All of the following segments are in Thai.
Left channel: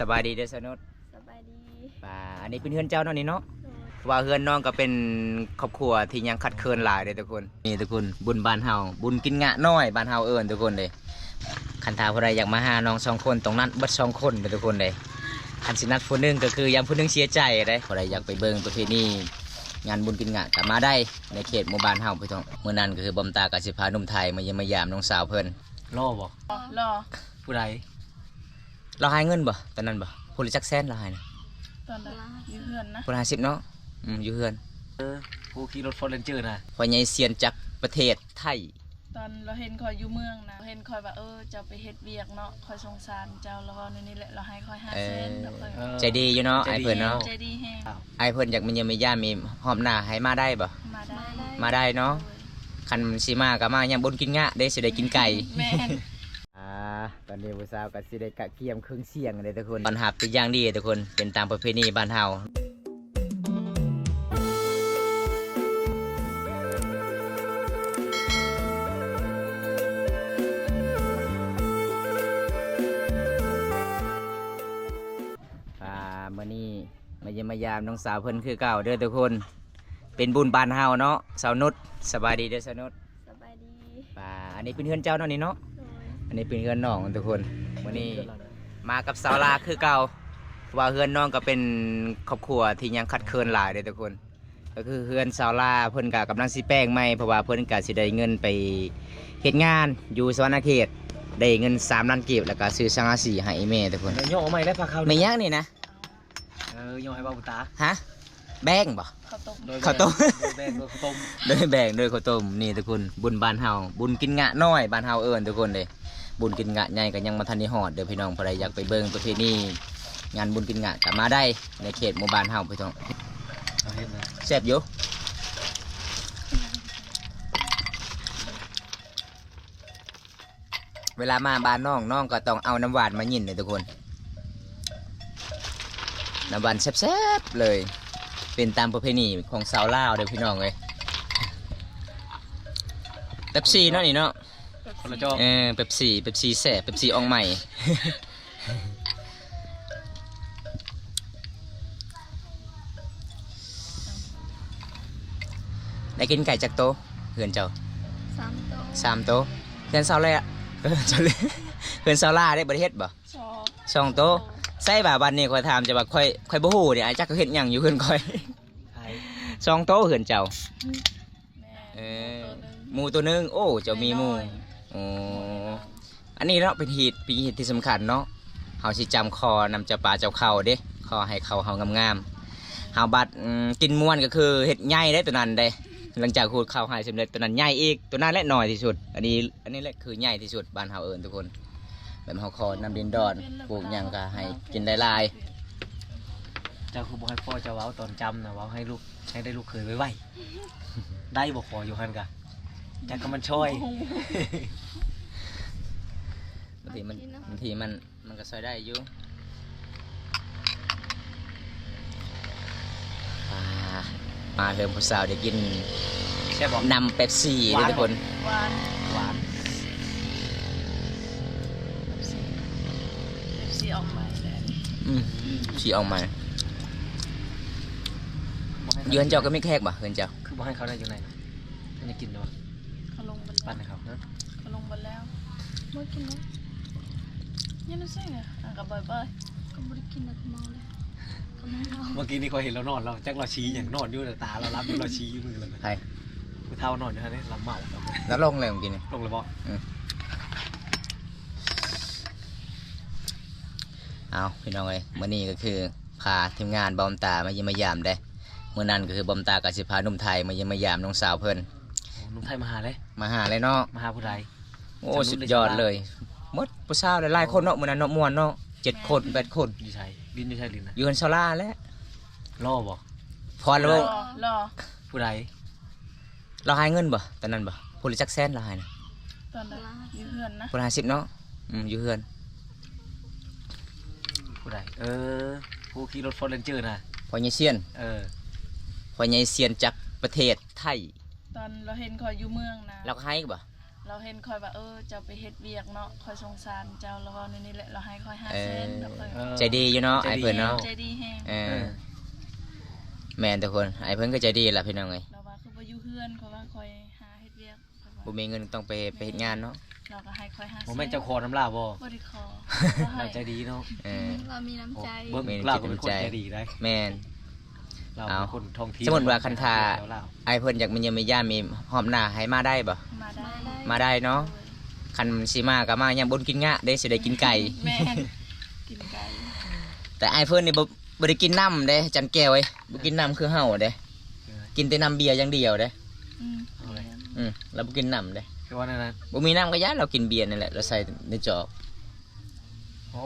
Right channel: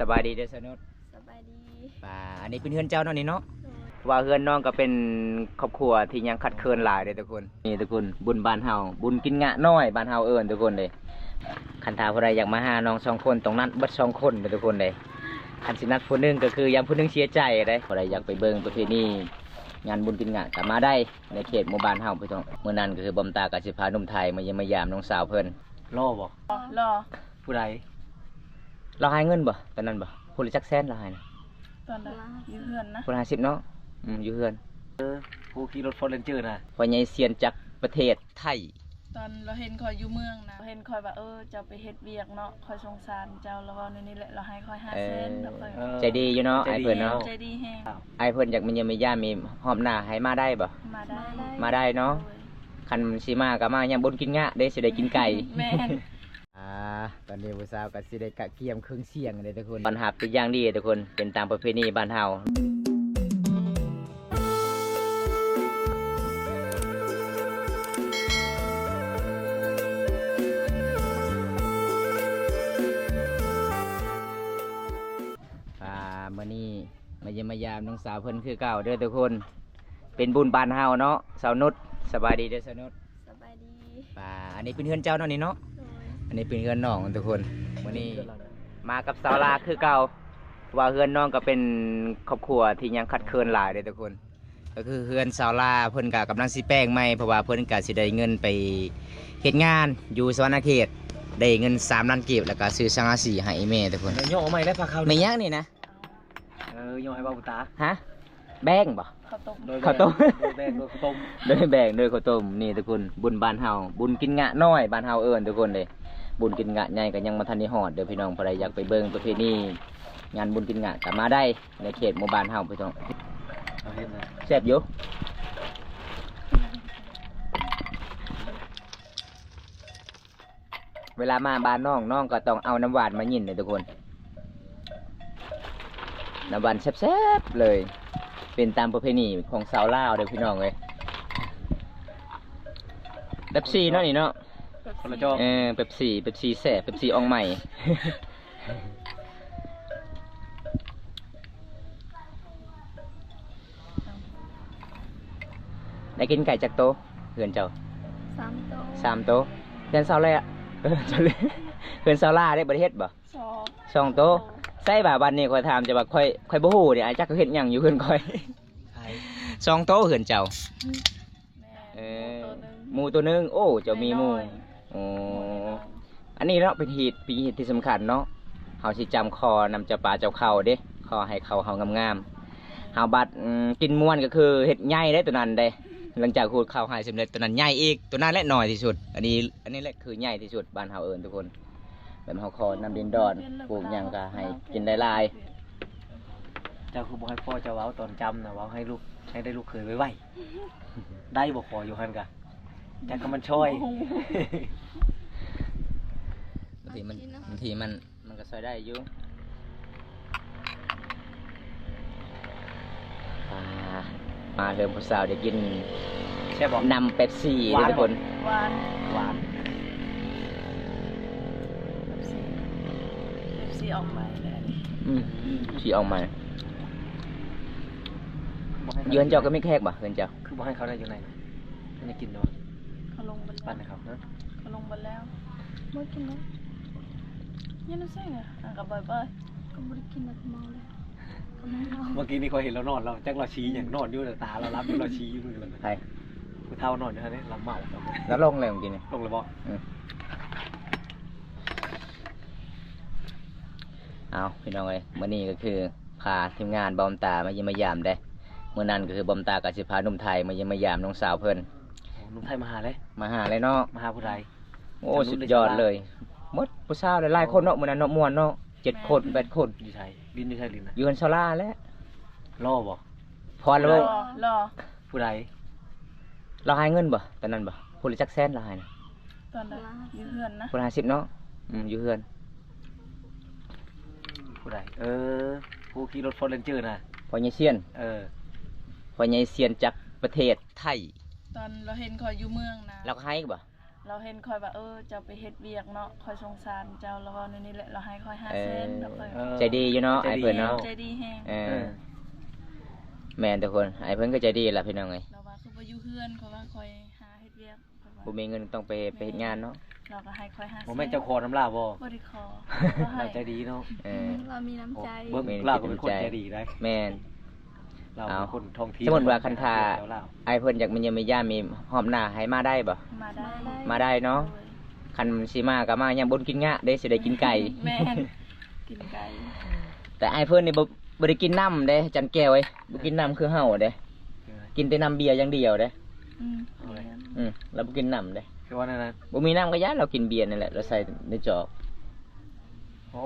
สบายดีเด้อสนุดสบายดีอันนี้เป็นเฮือนเจ้าเนาะนี่เนาะว่าเฮือนน้องก็เป็นครอบครัวที่ยังคัดเคินหลายเลยทุกคนนี่ทุกคนบุญบ้านเฮาบุญกินงะน้อยบ้านเฮาเอิ้นทุกคนเลยคันทาผู้ใดอยากมาหาน้อง2 คนตรงนั้นเบิด2 คนเลยทุกคนเลยคันสินัดผู้หนึงก็คือยังผู้หนึงเสียใจเลยผู้ใดอยากไปเบิ่งประเพณีงานบุญกินงะก็มาได้ในเขตหมู่บ้านเฮาพี่น้องมื้อนั้นก็คือบอมตากับสิพาหนุ่มไทยมาเยี่ยมมายามน้องสาวเพิ่น รอบ่ รอ ผู้ใด เราให้เงินบ่ตอนนั้นบ่ผู้ละจักแสนเราให้นะ ตอนนั้นอยู่เพื่อนนะ ผู้ละ50เนาะอยู่เฮือน ผู้ขี่รถฟอร์เรนเจอร์นะ พ่อใหญ่เซียนจากประเทศไทย ตอนเราเห็นคอยอยู่เมืองนะเห็นคอยว่าจะไปเฮ็ดเวียกเนาะคอยสงสารเจ้าแล้วว่าในนี้แหละเราให้คอย500,000แล้วคอย ใจดีอยู่เนาะไอ้เพิ่นเนาะ ใจดีแฮง ไอ้เพิ่นอยากมันยังมีย่ามีหอมหน้าให้มาได้บ่ มาได้ มาได้เนาะคันสิมาก็มายังบนกินงะได้สิได้กินไก่ แม่น ตอนนี้ผู้สาวก็สิได้กะเกียมเครื่องเสียงเลยทุกคนตอนหับเป็นอย่างดีทุกคนเป็นตามประเพณีบ้านเฮามื้อนี้มาเยี่ยมมายามน้องสาวเพิ่นคือเก่าเด้อทุกคนเป็นบุญบ้านเฮาเนาะสาวนุชสบายดีเด้อสาวนุช สบายดี อันนี้เป็นเฮือนเจ้าเนาะนี่เนาะ อันนี้เป็นเฮือนน้องทุกคนวันนี้มากับสาวลาคือเก่าว่าเฮือนน้องก็เป็นครอบครัวที่ยังคัดเคินหลายเลยทุกคน ก็คือเฮือนสาวลาเพิ่นก็กำลังสิแป้งใหม่เพราะว่าเพิ่นก็สิได้เงินไปเฮ็ดงานอยู่สวรรณเขตได้เงิน3 ล้านกีบแล้วก็ซื้อสังกะสีให้แม่ทุกคน ย่อเอาใหม่ได้พาเขา ไม่ยักนี่นะ ย่อให้บ้าบุตา ฮะแบ่งบ่ ข้าวต้ม ข้าวต้ม แบงโดยข้าวต้ม โดยแบ่งโดยข้าวต้มนี่ทุกคนบุญบ้านเฮาบุญกินงะน้อยบ้านเฮาเอิ้นทุกคนเลยบุญกินงะใหญ่ก็ยังมาทันได้ฮอดเด้อพี่น้องผู้ใดอยากไปเบิ่งประเพณีงานบุญกินงะก็มาได้ในเขตหมู่บ้านเฮาพี่น้อง เอาเห็นนะ แซ่บอยู่เวลามาบ้านน้องก็ต้องเอาน้ำหวานมายินเลยทุกคนน้ำหวานแซ่บๆเลยเป็นตามประเพณีของชาวลาวเด้อพี่น้องเอ้ยเป๊ปซี่เนาะนี่เนาะ คนละจอบ เป๊ปซี่แซ่บเป๊ปซี่อองใหม่ ได้กินไก่จากโตะเฮือนเจ้า 3โต๊ะ 3 โตะเฮือนเซาเลยอ่ะเฮือนเซาล่าได้ประเทศบ่ 2 2 โตะใส่บ่าวันนี้ค่อยถามจะว่าค่อยบ่ฮู้นี่อาจจักเขาเฮ็ดหยังอยู่เฮือนค่อย ไทย 2 โตะเฮือนเจ้า แม่ เออ ตัวนึง หมูตัวหนึงโอ้เจ้ามีหมูอ๋ออันนี้เนาะเป็นปีเหตุที่สำคัญเนาะเฮาสิจำคอนำเจ้าป่าเจ้าเขาเด้ขอให้เขาเฮางามๆเฮาบัดกินม่วนก็คือเฮ็ดใหญ่ได้ตัวนั้นเด้หลังจากขูดข้าวให้สำเร็จตัวนั้นใหญ่อีกตัวนั้นแหละน้อยที่สุดอันนี้แหละคือใหญ่ที่สุดบ้านเฮาเอิ้นทุกคนแบบเฮาคอนำดินดอนปลูกหยังก็ให้กินได้หลาย เจ้าคือบอกให้พ่อเจ้าเว้าตอนจำนะเว้าให้ลูกให้ได้ลูกเคยไว้ ได้บอกขออยู่หันกะจักก็มันช่วย บางทีมันก็ใช้ได้อยู่มาเริ่มผู้สาวได้กิน แค่บอก นำเป๊ปซี่ด้วยทุกคน หวาน หวาน สีออกใหม่เลย ฉีออกมา บอกให้ เยือนเจ้าก็ไม่แขกบ่เยือนเจ้า คือบอกให้เขาได้อยู่ไหนไม่ได้กินหรอ เขาลงบน ปั้น แล้ว ให้เขานะ เขาลงบนแล้วไม่กินเลยยังไม่ใช่ไงกับบ่อยๆก็ไม่ได้กินแบบเมาเลยก็ไม่เมา เมื่อกี้นี่เขาเห็นเรานอนเราจักเราชี้อย่างนอนอยู่แต่ตาเรารับอยู่เราชี้อยู่เลย ใคร คือเท่านอนอยู่ฮะนี่เราเมาเรา แล้วลงเลยเมื่อกี้นี่ ลงเลยบอก เอาพี่น้องเอ้ยมื้อนี้ก็คือพาทีมงานบอมตามาเยี่ยมมายามได้มื้อนั้นก็คือบอมตากับสิพาหนุ่มไทยมาเยี่ยมมายามน้องสาวเพิ่น นุ่มไทยมาหาเลย มาหาเลยเนาะ มาหาผู้ใด โอ้สุดยอดเลยหมดผู้สาวหลายๆคนเนาะมื้อนั้นเนาะม่วนเนาะ7 คน8 คน ดีชัยดินดีชัยลินนะ อยู่กันซาลาแล้ว ล่อบอก พรแล้ว รอ ผู้ใด เราให้เงินบ่ตอนนั้นบ่ผู้ละจักแสนเราให้นะ ตอนนั้นอยู่เพื่อนนะ ผู้ละ50เนาะอยู่เฮือน ผู้ใดผู้ขี่รถฟอร์เรนเจอร์นะ พ่อใหญ่เซียน พ่อใหญ่เซียนจากประเทศไทย ตอนเราเห็นคอยอยู่เมืองนะ เราก็ให้บ่ เราเห็นคอยว่าเจ้าไปเฮ็ดเวียกเนาะคอยสงสารเจ้าแล้วว่าในนี้แหละเราให้คอย5 เซนแล้วคอย ใจดีอยู่เนาะไอ้เพิ่นเนาะ ใจดีแฮง แม่นทุกคนไอ้เพิ่นก็ใจดีล่ะพี่น้องเอ้ย เราว่าคือบ่อยู่เฮือนคอยว่าคอยหาเฮ็ดเวียกคอยว่า บ่มีเงินต้องไปเฮ็ดงานเนาะ เราก็ให้คอย5 เซน บ่แม่นเจ้าขอน้ำลาบ่ บ่ได้ขอ เราใจดีเนาะ เรามีน้ำใจ เบิ่งลาวก็เป็นคนใจดีได้ แม่น เราเป็นคนท่องเที่ยว สมมุติว่าคันทาไอ้เพิ่นอยากมีเยี่ยมมีญาติมีหอมหน้าให้มาได้บ่ มาได้ มาได้เนาะ คันสิมาก็มายังบ่กินงะได้สิได้กินไก่ แม่นกินไก่ แต่ไอ้เพิ่นนี่บ่ได้กินน้ำเด้จันแก้วเอ้ยบ่กินน้ำคือเฮาเด้กินแต่น้ำเบียร์อย่างเดียวเด้ เราบ่กินน้ำเด้ คือว่านั่นน่ะ บ่มีน้ำก็ยาเรากินเบียร์นั่นแหละเราใส่ในจอก โอ้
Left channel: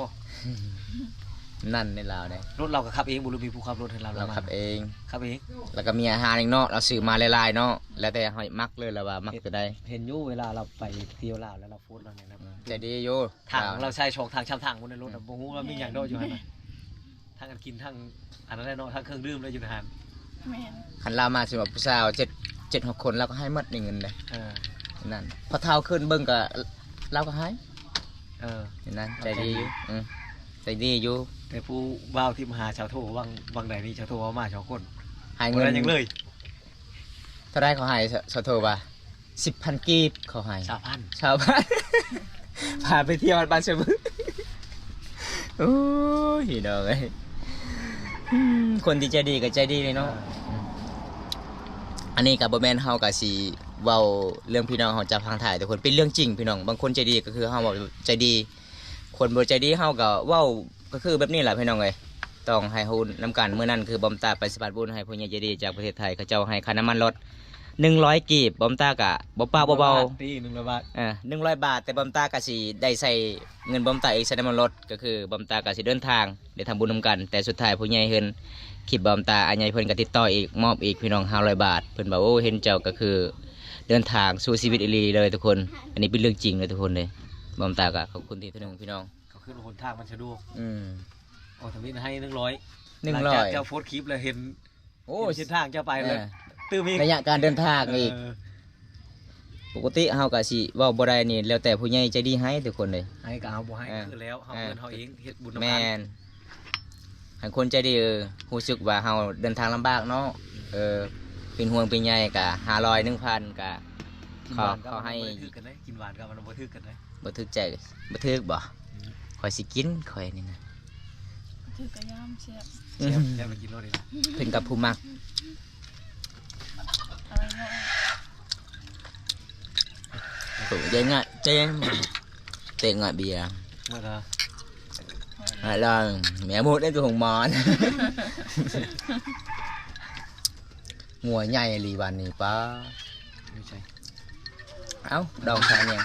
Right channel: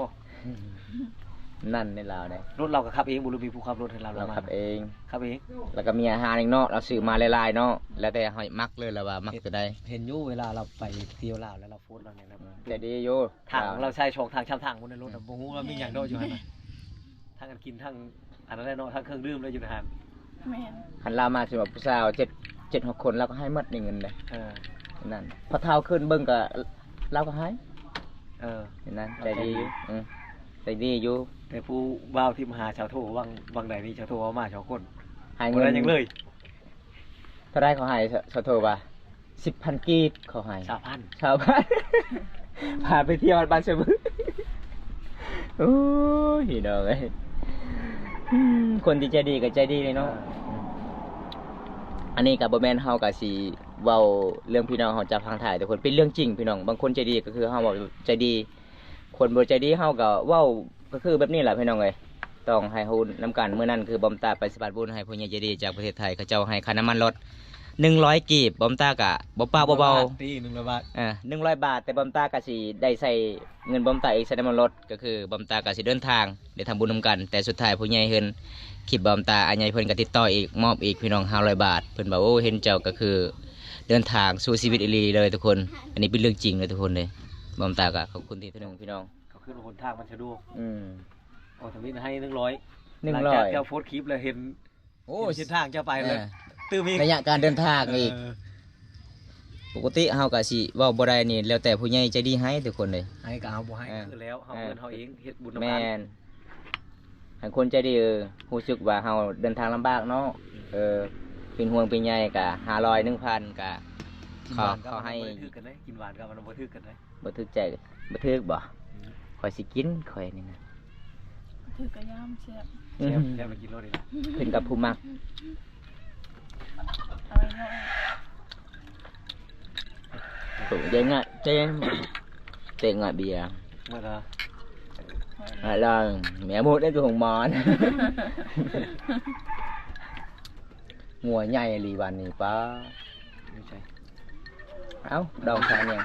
นั่นในลาวได้ รถเราก็ขับเองบ่รู้มีผู้ขับรถให้เรา เราขับเอง ขับเอง แล้วก็มีอาหารอีกเนาะเราซื้อมาหลายๆเนาะแล้วแต่เฮามักเลยแล้วว่ามักตัวใด เห็นอยู่เวลาเราไปเที่ยวลาวแล้วเราโพสต์เราเนี่ยนะ ใจดีอยู่ ทางเราใช้ช่องทางช้ำทางบนในรถบ่ฮู้ว่ามีหยังโดอยู่หั่นน่ะทางกันกินทางอันนั้นแหละเนาะทางเครื่องดื่มเลยอยู่ในหัน แม่น คันเรามาสิว่าผู้สาว7 6คนเราก็ให้หมดนี่เงินเด้ เออ นั่นพอเท่าขึ้นเบิ่งก็เราก็ให้ เออ นั่นใจดีอยู่ใจดีอยู่ แต่ผู้บ่าวที่มาหาชาวโทวังใดนี่ชาวโทเอามาชาวคน ให้ เงิ เงิ น น ยังเลย เท่าไรเขาให้สโทรว่า10,000 กีบเขาให้ 3,000 ชาวบ้าน พาไปเที่ยวบ้านเสมอโอ้ยดอกเอ้ยคนที่ใจดีก็ใจดีเลยเนาะอันนี้กับบ่แม่นเฮาก็สิเว้าเรื่องพี่น้องเฮาจะพังถ่ายแต่คนเป็นเรื่องจริงพี่น้องบางคนใจดีก็คือเฮาบอกใจดี คนบ่ใจดีเฮาก็เว้าก็คือแบบนี้แหละพี่น้องเอ้ยต้องให้ฮู้นํกันมื้อนั้นคือบอมตาไปสะพานบุญให้ผู้ใหญ่ใจดีจากประเทศไทยเขาเจ้าให้ค่าน้ำมันรถ100 กีบบอมตากะบ่ป้าบ่เบา ตี100 บาท 100 บาทแต่บอมตากะสิได้ใส่เงินบอมตาอีกใส่น้ำมันรถก็คือบอมตากะสิเดินทางได้ทำบุญนำกัน แต่สุดท้ายผู้ใหญ่เฮินคลิปบอมตาอันใหญ่เพิ่นก็ติดต่ออีกมอบอีกพี่น้อง500 บาทเพิ่นบอกโอ้เห็นเจ้าก็คือเดินทางสู่ชีวิตอีหลีเลยทุกคน อันนี้เป็นเรื่องจริงเลยทุกคนเลยบอมตากะขอบคุณที่นึงพี่น้อง ก็คือหนทางมันสะดวก อืม โอ้ทวินให้100 100 หลังจากเจ้าโพสต์คลิปแล้วเห็น โอ้ เส้นทางเจ้าไปเลยตื้มอีก ระยะการเดินทางอีกปกติเฮาก็สิเว้าบ่ได้นี่แล้วแต่ผู้ใหญ่ใจดีให้ทุกคนเลย ให้ก็เอาบ่ให้คือแล้วเฮาเงินเฮาเองเฮ็ดบุญนำ แม่ กัน นให้คนใจดีรู้สึกว่าเฮาเดินทางลำบากเนาะเป็นห่วงเป็นใยก็500 1,000ก็ กินหวานก็ให้ทึกกันได้กินหวานก็มันบ่ทึกกันได้ บ่ทึกใจบ่ทึกบ่ข่อยสิกินข่อยนี่นะ ถือกระย่ำเสียบ แซ่บไปกินรถนี่ล่ะ เพิ่นกับผู้มัก เอาไว้เนาะ ตัวเด้งอ่ะเจ๊งเตงอ่ะเบียร์ มาละ แล้วแม่หมดได้ตัวของหมอนงัวใหญ่ลีวันนี้ป้า ไม่ใช่ เอ้าดองชาเนี่ย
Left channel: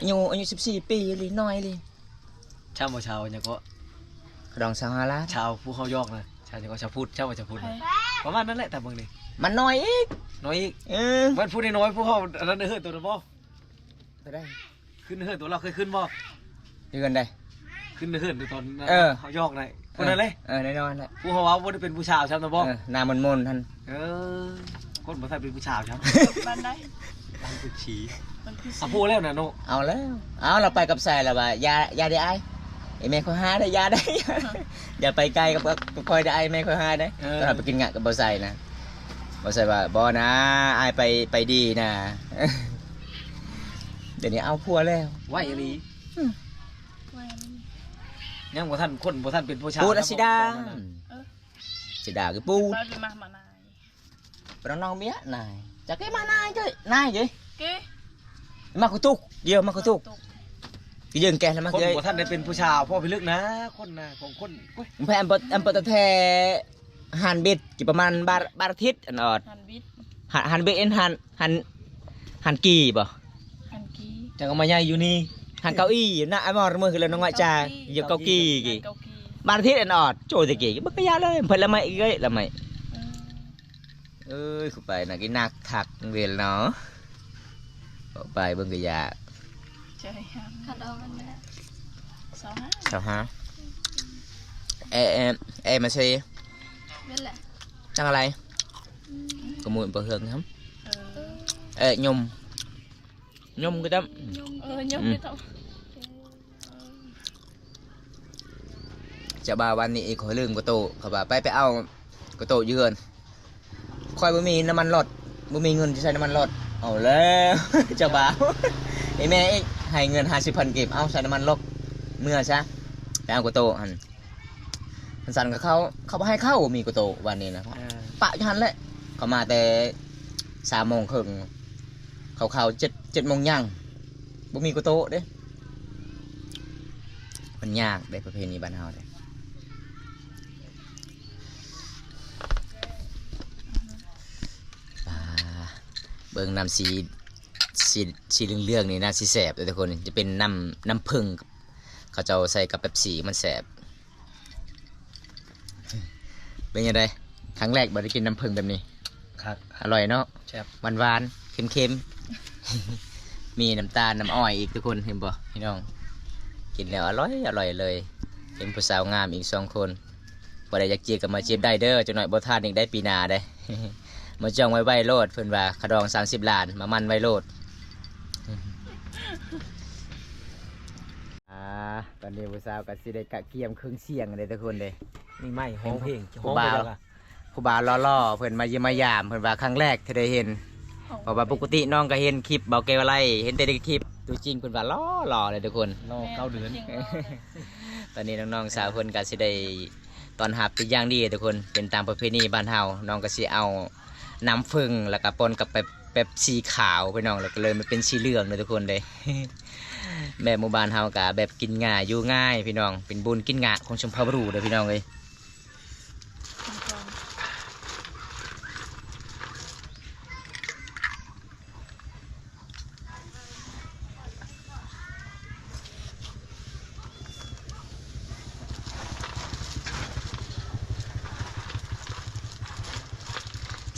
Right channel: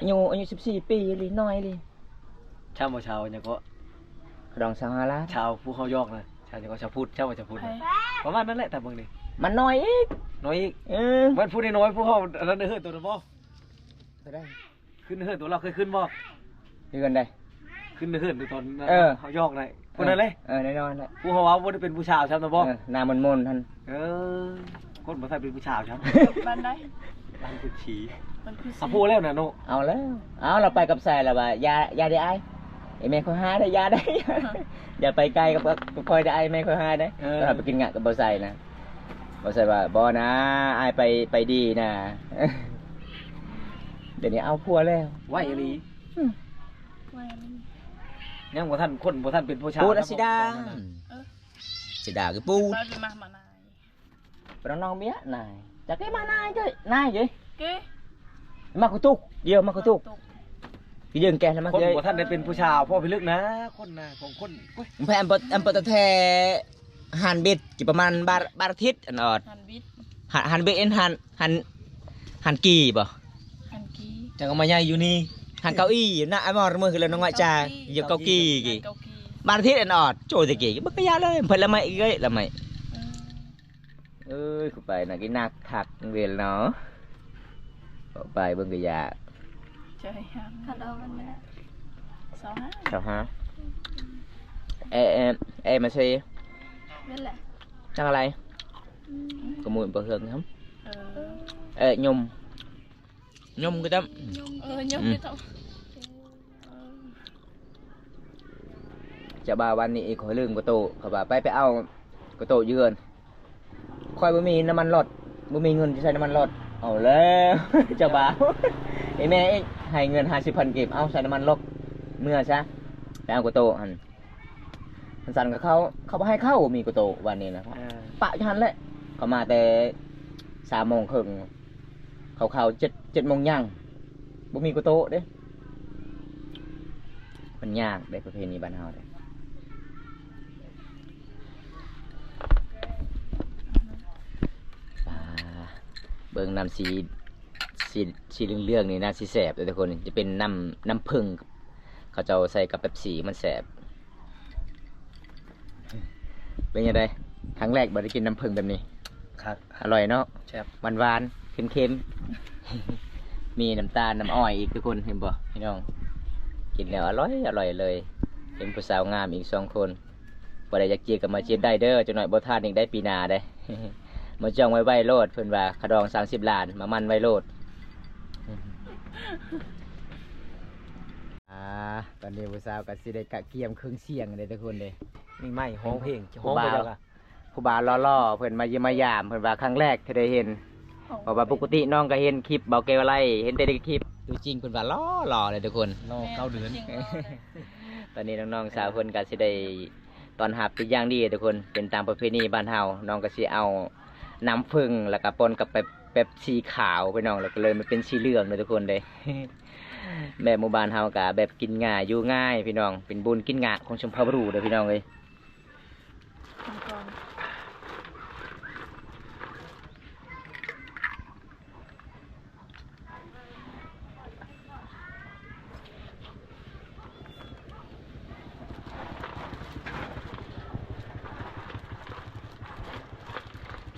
อายุ14 ปีลีน้อยลี ชาวบ่ชาวเนี่ยก็ ดองชาวฮาลา ชาวผู้เขายอกนะชาวเนี่ยก็ชาวพุทธชาวบ่ชาวพุทธ ไป ประมาณนั้นแหละแต่เบิ่งนี่ มันน้อยอีก น้อยอีก เออ มันพูดน้อยผู้เขาอันนั้นเฮือนตัวนั้นบ่ ไปได้ ขึ้นเฮือนตัวเราเคยขึ้นบ่ เดือนได้ ขึ้นเฮือนตัวตอน เขายอกได้ผู้นั้นเลย แน่นอนแหละ ผู้เขาว่าบ่ได้เป็นผู้ชาวชาวนะบ่ หน้ามนท่าน คนบ่ใช่เป็นผู้ชาวชาว บ้านได้ บ้านผู้ชี มันคือ อ่ะพูดแล้วนะโน เอาแล้วเอาเราไปกับสายแล้วว่ายาได้ไอ้ไอ้แม่เขาหาได้ยาได้ อย่าไปไกลกับคอยได้ไอ้แม่เขาหาได้ตอนเราไปกินงะกับบ่ใส่นะบ่ใส่ว่าบ่นะไอ้ไปดีนะ เดี๋ยวนี้เอาพัวแล้ว ไหวอีหลี ไว้นี่ ยังบ่ทันคนบ่ทันเป็นผู้ชาว ปูดสิดาสิดาคือปูด บ้านมามานาย ปน้องเมียนายจะcái mà nai chơi nai vậy เก้ mà có tục nhiều mà có tục cái dừng kẹt là mà คน chơi บ่ทันได้เป็นผู้ชาวพ่อพี่ลึกนะคนนะของคนโอ้ย phải em bật thẻ hàn bịt chỉประมาณba thiết anh ọt หันบิด hàn bịt en hàn kỳ bỏ หันกี้ จังเอามาใหญ่อยู่นี่ hàn cao y nè em mò mưa là nó ngoại trà giờ cao kỳ หั kì นเกากี ba thiết anh ọt trời thì kì bất cái giá lên phải là mày gây là mày เออ ơi không phải là cái nạc thạc về nó bỏ bài bưng cái giá เจอยังขัดเอามันนะ25 sao hả em mà xì นั่นแหละ chắc là này có mùi bờ hương không เออ nhung ยมก็ต้อง ยมไม่ต้อง จะบ่าวันนี้อีกขอลืมกระโตเขาว่าไปเอากระโตยืนคอยบ่มีน้ำมันรถบ่มีเงินจะใช้น้ำมันรถเอาแล้ว เจ้าบ่าว ไอ้แม่ให้เงิน50,000เก็บเอาใช้น้ำมันรถเมื่อซะไปเอากระโตหันมันสั่นกับเขาบ่ให้เข้ามีกระโตวันนี้นะครับปะอยู่หันแหละเขามาแต่3:30เขา7โมงย่างบ่มีกระโตเด้มันยากได้ประเพณีบ้านเฮาเด้เบิ่งน้ำสีเหลืองๆนี่น่าสิแสบเลยทุกคนจะเป็นน้ำผึ้งเขาจะเอาใส่กับเป๊ปซี่มันแสบเป็นยังไงครั้งแรกบ่ได้กินน้ำผึ้งแบบนี้ ครับ อร่อยเนาะ แซ่บ หวานๆเค็มๆ มีน้ำตาลน้ำอ้อยอีกทุกคนเห็นบ่พี่น้องกินแล้วอร่อยเลยเป็นผู้สาวงามอีก2 คนบ่ได้อยากจีบก็มาจีบได้เด้อจักหน่อยบ่ทานอีกได้ปีหน้าได้ มาจ้องไว้โลดเพิ่นว่าขดอง30 ล้านมามันไว้โลด ตอนนี้ผู้สาวก็สิได้กะเกียมเครื่องเสียงเลยทุกคนเลย มีไม้ห้องเพลงห้องไปแล้วก็ ผู้บ่าวล่อๆเพิ่นมาเยี่ยมมายามเพิ่นว่าครั้งแรกที่ได้เห็นเพราะว่าปกติน้องก็เห็นคลิปเบาเกวไลเห็นแต่ในคลิปตัวจริงเพิ่นว่าล่อเลยทุกคน รอ9 เดือน ตอนนี้น้องๆสาวเพิ่นก็สิได้ตอนหับเป็นอย่างดีทุกคนเป็นตามประเพณีบ้านเฮาน้องก็สิเอาน้ำผึ้งแล้วก็ปนกับแบบสีขาวพี่น้องแล้วก็เลยมันเป็นสีเหลืองเลยทุกคนเลย แบบหมู่บ้านเฮากะแบบกินง่ายอยู่ง่ายพี่น้องเป็นบุญกินงะของชมพูบรูเลยพี่น้องเลย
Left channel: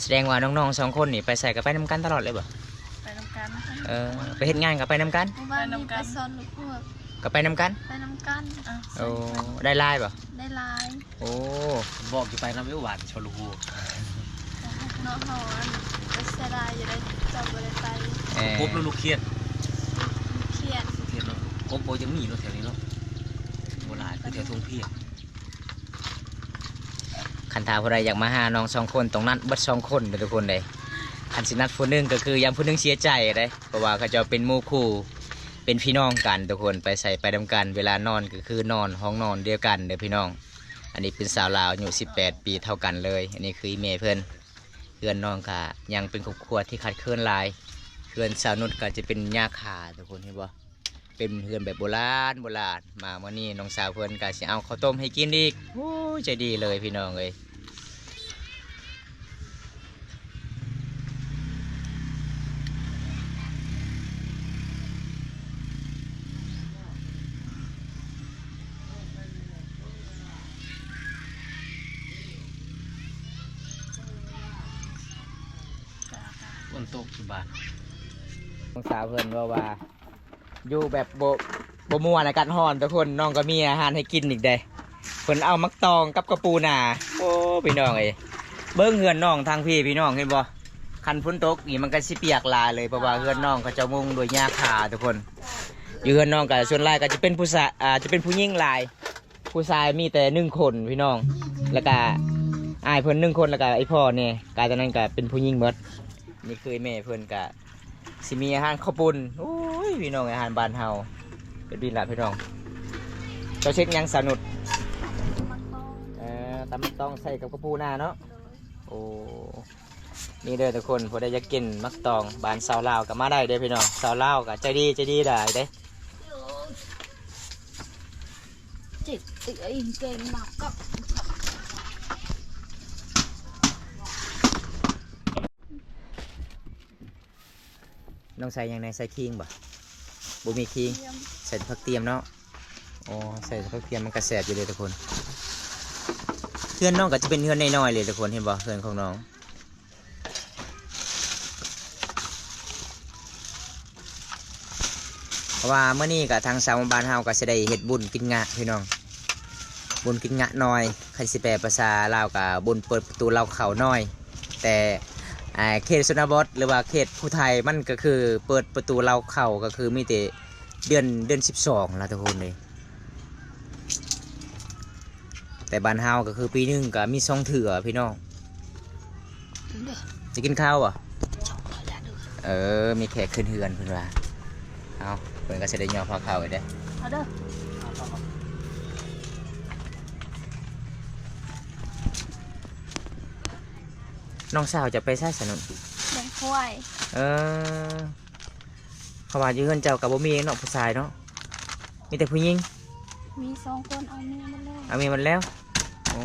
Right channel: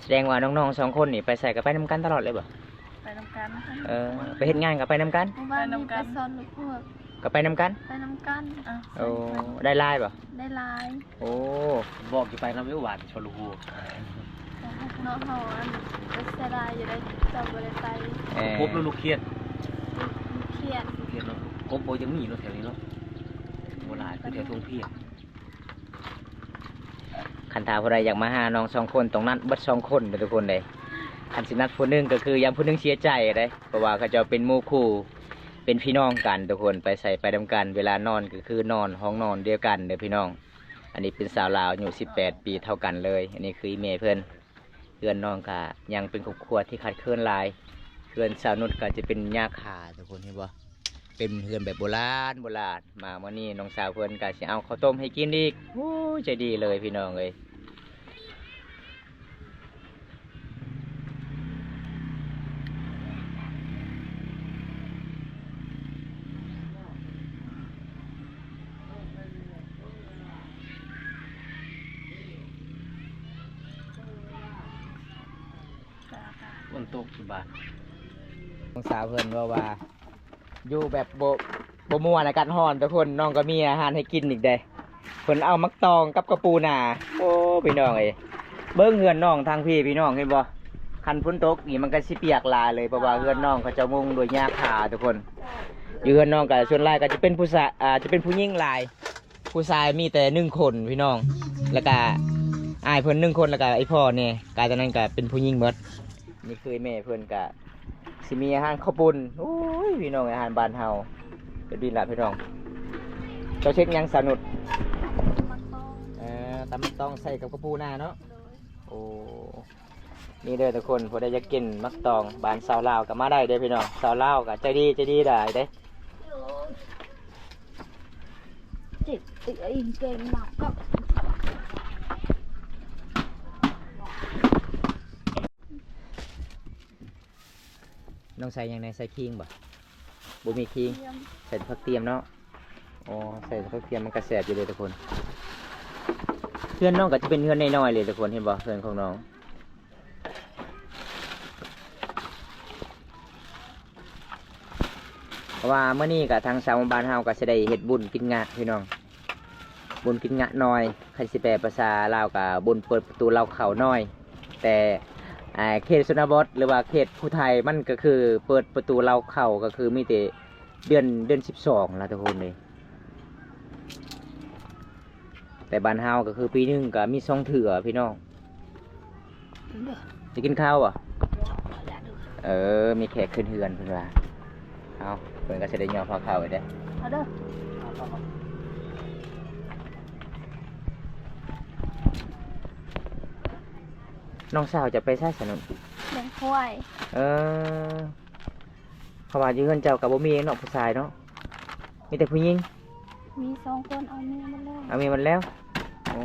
แสดงว่าน้องๆ2 คนนี่ไปใส่กับไปนำกันตลอดเลยบ่ ไปนำกัน ไปเฮ็ดงานกับไปนำกัน เมื่อวานนี้ไปซ้อนลูกพวก กับไปนำกัน ไปนำกันอ่ะ โอ้ได้ไล่บ่ ได้ลาย โอ้ บอกอยู่ไปน้ำไม่หวานชลูฮู เนาะเฮาอันไปเสียดายอยู่ได้เจ้าบ่ได้ไป กบแล้วลูกเครียด เครียด เครียดเนาะกบโบยังมีรถแถวนี้เนาะโบราณคือแถวทุ่งเพียร คันถาผู้ใดอยากมาหาน้อง2 คนตรงนั้นเบิด2 คนเลยทุกคนเลยอันสินัดผู้หนึงก็คือยามผู้หนึงเสียใจเลยเพราะว่าเขาจะเป็นหมู่คู่เป็นพี่น้องกันทุกคนไปใส่ไปดำกันเวลานอนก็คือนอนห้องนอนเดียวกันเด้อพี่น้องอันนี้เป็นสาวลาวอายุ18 ปีเท่ากันเลยอันนี้คืออีเมเพื่อนน้องก็ยังเป็นครอบครัวที่ขาดเคินหลายเพื่อนสาวนุชก็จะเป็นหญ้าคาทุกคนเห็นบ่เป็นเพื่อนแบบโบราณมาเมื่อนี้น้องสาวเพื่อนก็สิเอาข้าวต้มให้กินอีกโอ้ยใจดีเลยพี่น้องเลยฝนตกอยู่บ้าน น้องสาวเพื่อนว่าอยู่แบบโบมัวในการห่อนทุกคนน้องก็มีอาหารให้กินอีกเด้เพิ่นเอามักตองกับกระปูนาโอ้พี่น้องเอ้ยเบิ้งเฮือนน้องทางพี่น้องเห็นบ่คันฝนตกนี่มันก็สิเปียกลายเลยเพราะว่าเฮือนน้องเขาจะมุงด้วยหญ้าคาทุกคนอยู่เฮือนน้องก็ส่วนหลายก็จะเป็นผู้ชายจะเป็นผู้หญิงหลายผู้ชายมีแต่1 คนพี่น้องแล้วก็อ้ายเพิ่น1 คนแล้วก็ไอ้พ่อเนี่ยกายตอนนั้นก็เป็นผู้หญิงหมดนี่คือแม่เพิ่นก็สิมีอาหารข้าวปุ้นโอ้ยพี่น้องอาหารบ้านเฮาเป็นดีละพี่น้องเจ้าเช็คยังสนุด มักต้อง ตำต้องใส่กับกระปูนาเนาะ โดย โอ้นี่เด้อทุกคนพอได้จะกินมักตองบ้านสาวลาวก็มาได้เด้อพี่น้องสาวลาวก็ใจดีได้เด้ จิตติเองเก่งมากก็ น้องใส่ยังไงใส่คิงบ่บ่มีคิง เยี่ยม ใส่ผักเทียมเนาะอ๋อใส่ผักเทียมมันกระแสบอยู่เลยทุกคนเพื่อนน้องก็จะเป็นเพื่อนน้อยๆเลยทุกคนเห็นบ่เพื่อนของน้องเพราะว่าเมื่อนี้กับทางสาวบ้านเฮาก็จะได้เฮ็ดบุญกินงะพี่น้องบุญกินงะน้อยคันสิแปลภาษาลาวกับบุญเปิดประตูเราเขาน้อยแต่ เขตชนบทหรือว่าเขตผู้ไทยมันก็คือเปิดประตูเราเข้าก็คือมีแต่เดือน12แล้วทุกคนเลยแต่บ้านเฮาก็คือปีหนึงก็มี2เถื่อพี่น้องจะกินข้าวอ่ะมีแขกขึ้นเฮือนเพิ่นว่าเอาเพิ่นก็สิได้ย่อพอข้าวไว้เด้อ เอาเด้อ น้องสาวจะไปใช้สนุน เลี้ยงควาย เพราะว่าอยู่เฮือนเจ้ากับบ่มีเนาะผู้ชายเนาะมีแต่ผู้หญิง มี2คนเอาเมียมาแล้ว เอามีมันแล้วโอ้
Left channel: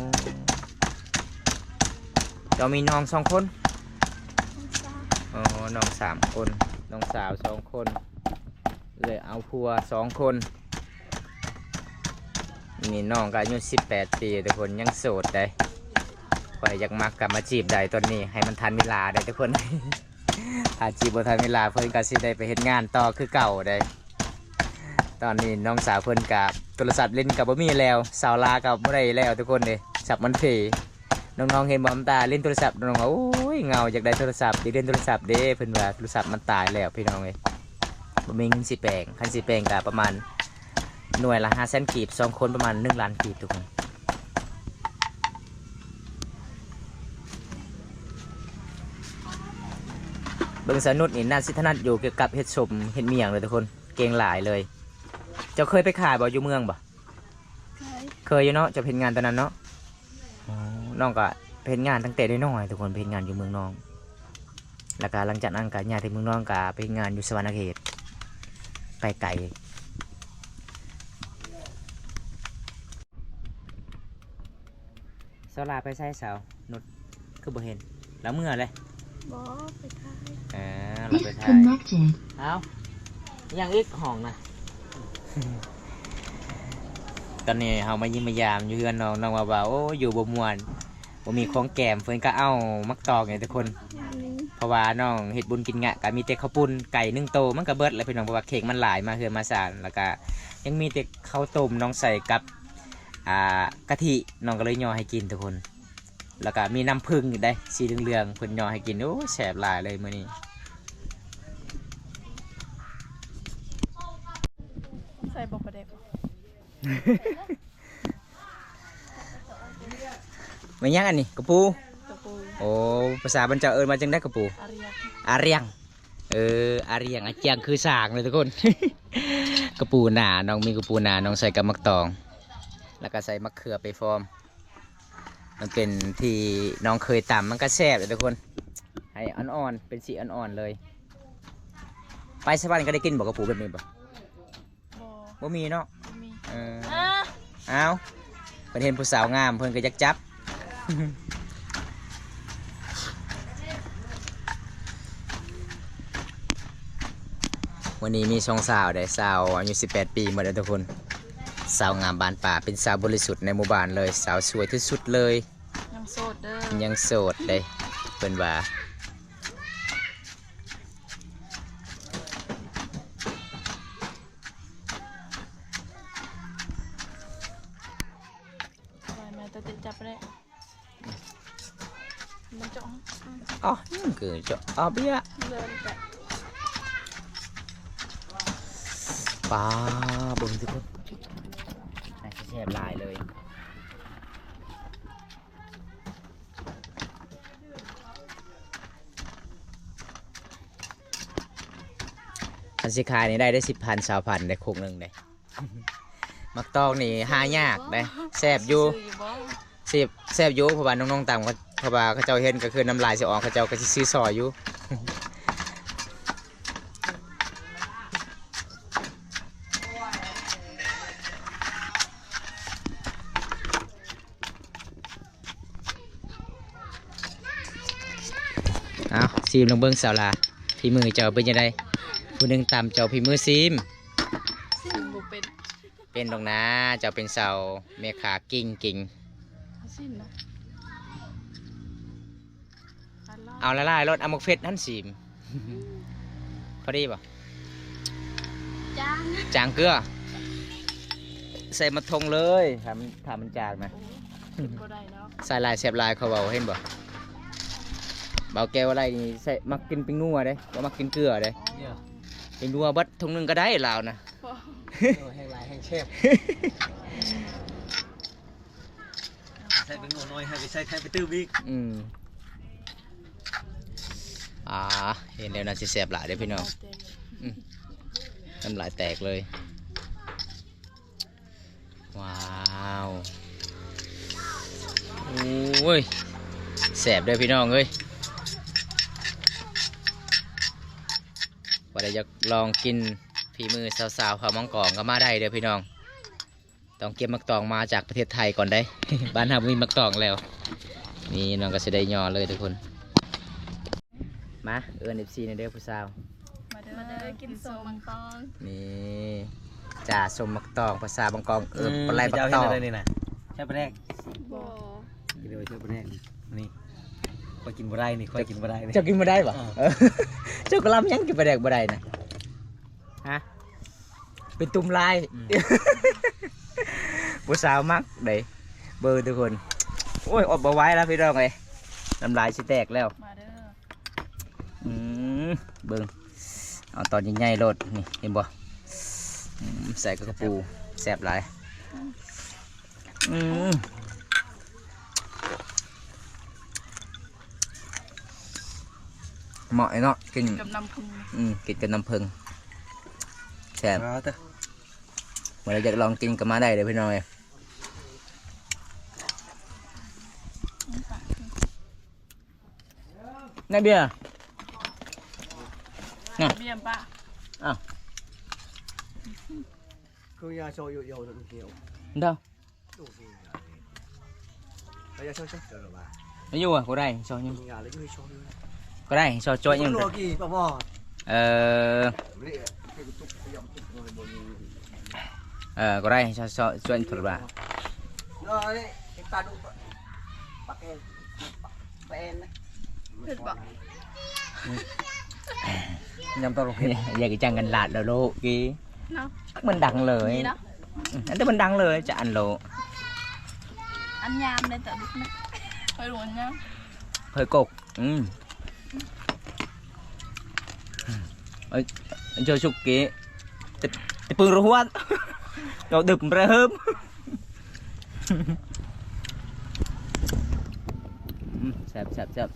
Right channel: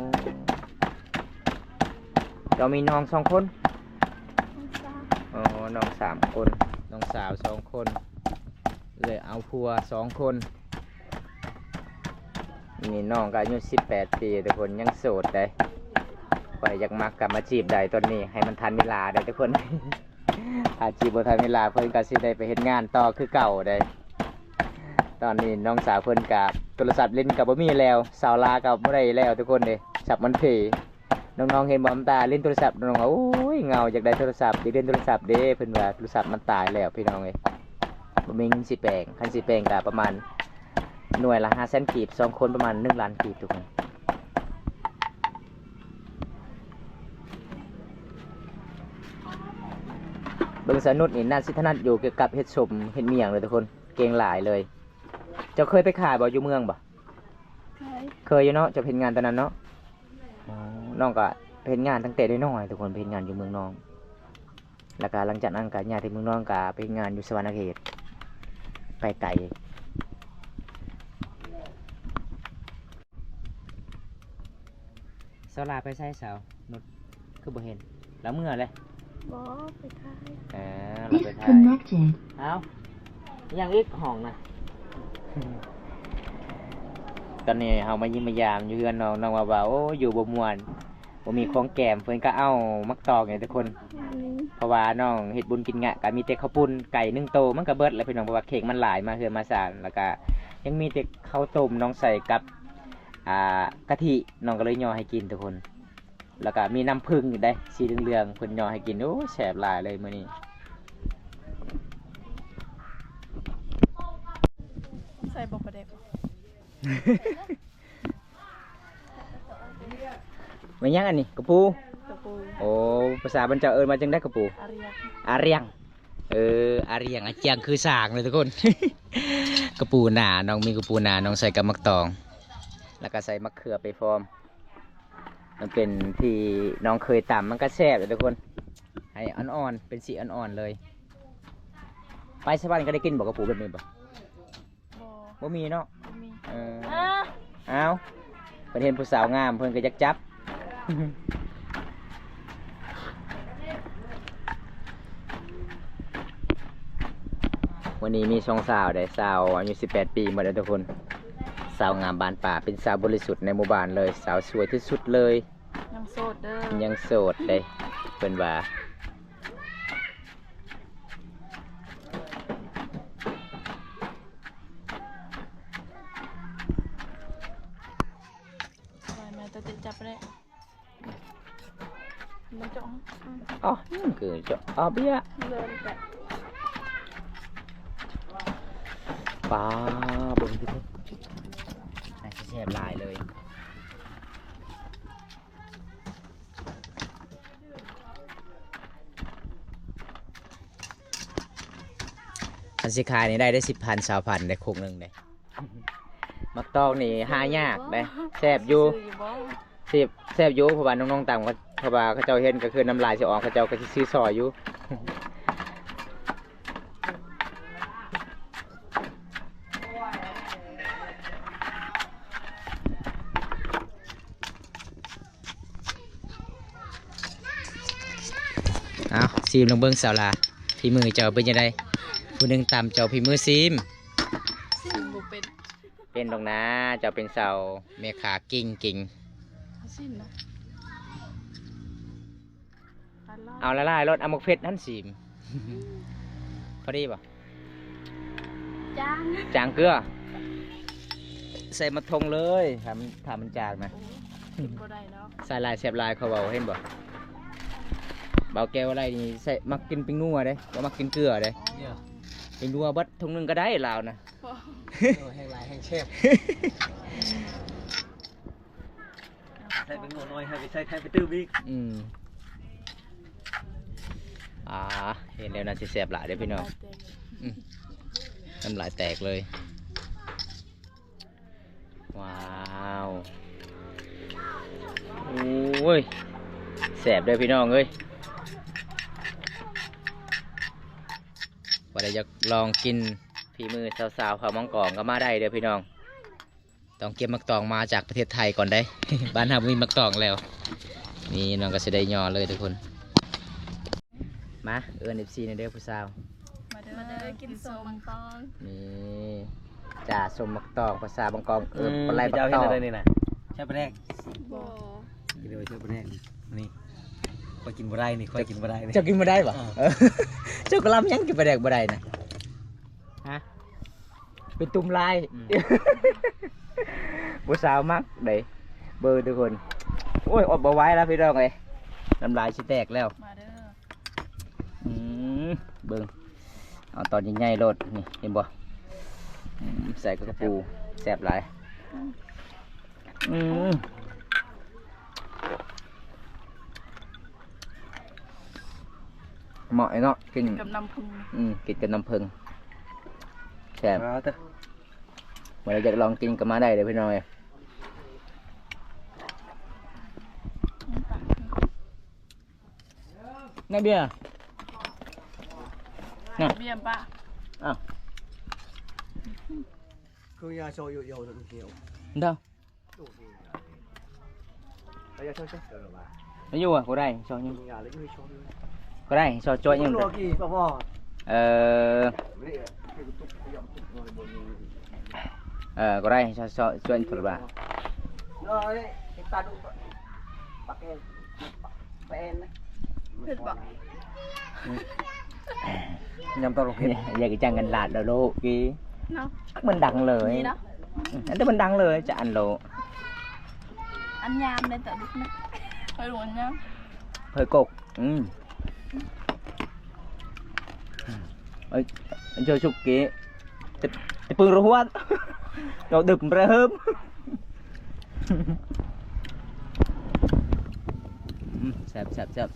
เจ้ามีน้อง2 คน น้องสาว อ๋อน้อง3 คนน้องสาว2 คนเลยเอาผัว2 คนนี่น้องก็อายุ18 ปีทุกคนยังโสดได้ไปอยากมักกลับมาจีบได้ตอนนี้ให้มันทันเวลาได้ทุกคน ถ้าจีบบ่ทันเวลาเพิ่นก็สิได้ไปเฮ็ดงานต่อคือเก่าได้ตอนนี้น้องสาวเพิ่นกับโทรศัพท์เล่นกับบ่มีแล้วสาวลากับบ่ได้แล้วทุกคนเด้สับมันเพน้องๆเห็นบ่น้ำตาเล่นโทรศัพท์น้องว่าโอ้ยเหงาอยากได้โทรศัพท์อยากเล่นโทรศัพท์เด้เพิ่นว่าโทรศัพท์มันตายแล้วพี่น้องเอ้ยบ่มีเงินสิแปลงคันสิแปลงก็ประมาณหน่วยละ500,000กีบ2 คนประมาณ1 ล้านกีบทุกคนเบิ่งสนุดนี่น่าสิถนัดอยู่เกี่ยวกับเฮ็ดสมเฮ็ดเมียงเลยทุกคนเก่งหลายเลยเจ้าเคยไปขายบ่อยู่เมืองบ่ เคยอยู่เนาะจะเพ็นงานตอนนั้นเนาะน้องก็เพ็นงานตั้งแต่ได้น้อยทุกคนเพ็นงานอยู่เมืองน้องแล้วก็หลังจากนั้นก็ย้ายไปเมืองน้องก็เพ็นงานอยู่สวรรณเขตไปไกลสาวลาไปใช้สาวนุชคือบ่เห็นแล้วเมื่อเลย บ่ไปขาย เราไปถ่าย Disconnected. เอายังอีกห้องนะ ตอนนี้เฮามายิ้มมายามอยู่เฮือนน้องว่าโอ้อยู่บ่ม่วนบ่มีของแก้มเพิ่นก็เอามักตอกนี่ทุกคน นี่ เพราะว่าน้องเฮ็ดบุญกินงะก็มีแต่ข้าวปุ้นไก่1 โตมันก็เบิดแล้วพี่น้องเพราะว่าเค้กมันหลายมาเฮือนมาศาลแล้วก็ยังมีแต่ข้าวต้มน้องใส่กับกะทิน้องก็เลยย่อให้กินทุกคน แล้วก็มีน้ำผึ้งอยู่ได้สีเหลืองๆเพิ่นย่อให้กินโอ้แซ่บหลายเลยมื้อนี้ ใส่บ่ประเด็ก ไม่ยังอันนี้กระปู ตะปู โอ้ภาษาบรรเจ้าเอิ้นมาจังได้กระปู อาเรียก อาเรียงอาเรียงอาเจียงคือสากเลยทุกคน กระปูหนาน้องมีกระปูหนาน้องใส่กับมักตอง แล้วก็ใส่มะเขือไปฟอร์มมันเป็นที่น้องเคยตำมันก็แซ่บเลยทุกคนให้อ่อนๆเป็นสีอ่อนๆเลยไปสวรรค์ก็ได้กินบอกกระปูแบบนี้บ่ บ่ บ่มีเนาะ บ่มี เอาเพิ่นเห็นผู้สาวงามเพิ่นก็อยากจับ วันนี้มีช่องสาวได้สาวอายุ18 ปีหมดแล้วทุกคนสาวงามบานป่าเป็นสาวบริสุทธิ์ในหมู่บ้านเลยสาวสวยที่สุดเลย ยังโสดเด้อ ยังโสดเลยเพิ่นว่า ไปแม่ตะติจับไปได้มันจ้อง อ๋อนี่คือจะอ๋อเบี้ย เดินไป ป้าเบิ่งสิเพิ่นน่าจะแซ่บหลายเลยอันสิขายนี่ได้10,000 20,000ได้โคกหนึงได้มักตองนี่หายากได้แซ่บอยู่ ซื้อยู่บ่ แซ่บอยู่เพราะว่าน้องๆต่างเพราะว่าเขาเจ้าเห็นก็คือน้ำลายสิออกเขาเจ้าก็สิซื้อซอยอยู่ เอาซีมลงเบิ้งสาวลาพี่มือเจ้าเป็นยังไงผู้หนึ่งตามเจ้าพี่มือซีม ซิมบ่เป็น เป็นตรงนะเจ้าเป็นสาวเมขากิ่ง เอาซิมนะอัน เอาละลายรถเอามกเฟสนั่นซีม พอดีป่ะ จาง จางเกลือใส่มาทงเลยทำมันจางนะ กินบ่ได้เนาะ ใส่ลายเสียบลายเขาเบาเห็นบ่ เบาแก้วอะไรนี่ใส่มักกินปิ้งนัวเด้บ่มักกินเกลือเด้ เนี่ย ปิ้งนัวเบัดถุงหนึงก็ได้ลาวนะ แห้งลายแห้งเชฟใส่เป็นหมูน้อยให้ไปใส่แทนไปตื้อบิ๊ก อืมเห็นแล้วน่าสิแซ่บหลายเด้อพี่น้องน้ำลายแตกเลย ว้าวโอ้ยแซ่บเด้อพี่น้องเอ้ยว่าได้อยากลองกินฝีมือสาวๆข้าวมังกรก็มาได้เด้อพี่น้องต้องเก็บมักตองมาจากประเทศไทยก่อนได้ บ้านเรามีมักตองแล้วนี่น้องก็จะได้ยอเลยทุกคนมาเอิญFCในเด้อผู้สาว มาเด้อกินส้มมังกร นี่จ่าสมมักตองภาษาบางกองปลายปัก เจ้า ต เห็น อง อะไรนี่นะใช่ปะแรก บ่ กินเดี๋ยวใช่ปะแรกนี่คอยกินบ่ได้นี่คอยกินบ่ได้นี่ เจ้ากินมาได้ปะเจ้าก็ลำยังกินปลาแดกบ่ได้นะฮะเป็นตุ่มลายผู้สาวมักเด้เบอร์ทุกคนโอ้ยอดบ่ไหว้แล้วพี่น้องเลยน้ำลายสิแตกแล้ว มาเด้อ เบิ่งเอาตอนใหญ่ๆโลดนี่เห็นบ่ใส่กระปูแซ่บหลายเหมาะเนาะกิน กับน้ำพึ่ง กินกับน้ำผึ้งแซ่บ เอาเถอะ เมื่อเราอยากลองกินก็มาได้เลยพี่น้องเอ้ยนั่นเบียร์ เบี้ยป่ะ คือnhà cho yêu yêu thật nhiều เด้อ bây giờ cho được rồi bà ไม่อยู่อ่ะก็ได้ซอยยัง nhà lấy cái cho ก็ได้ซอยจ้อยยัง nó kỳ bà bò ก็ได้ซอยจ้อยถูกป่ะ rồi ta đụng bạc em đấy เผ็ดบ่ nhầm tao อยากจะจังกันหลาดแล้วโลกี้ เนาะ มันดังเลย นี่เนาะ อันนี้มันดังเลยจะอันโล อันยามได้แต่ดุกนะไปหลวนยาม เผยกกanh chơi sụp kì thì phương rồi hoan rồi đực ra hôm sẹp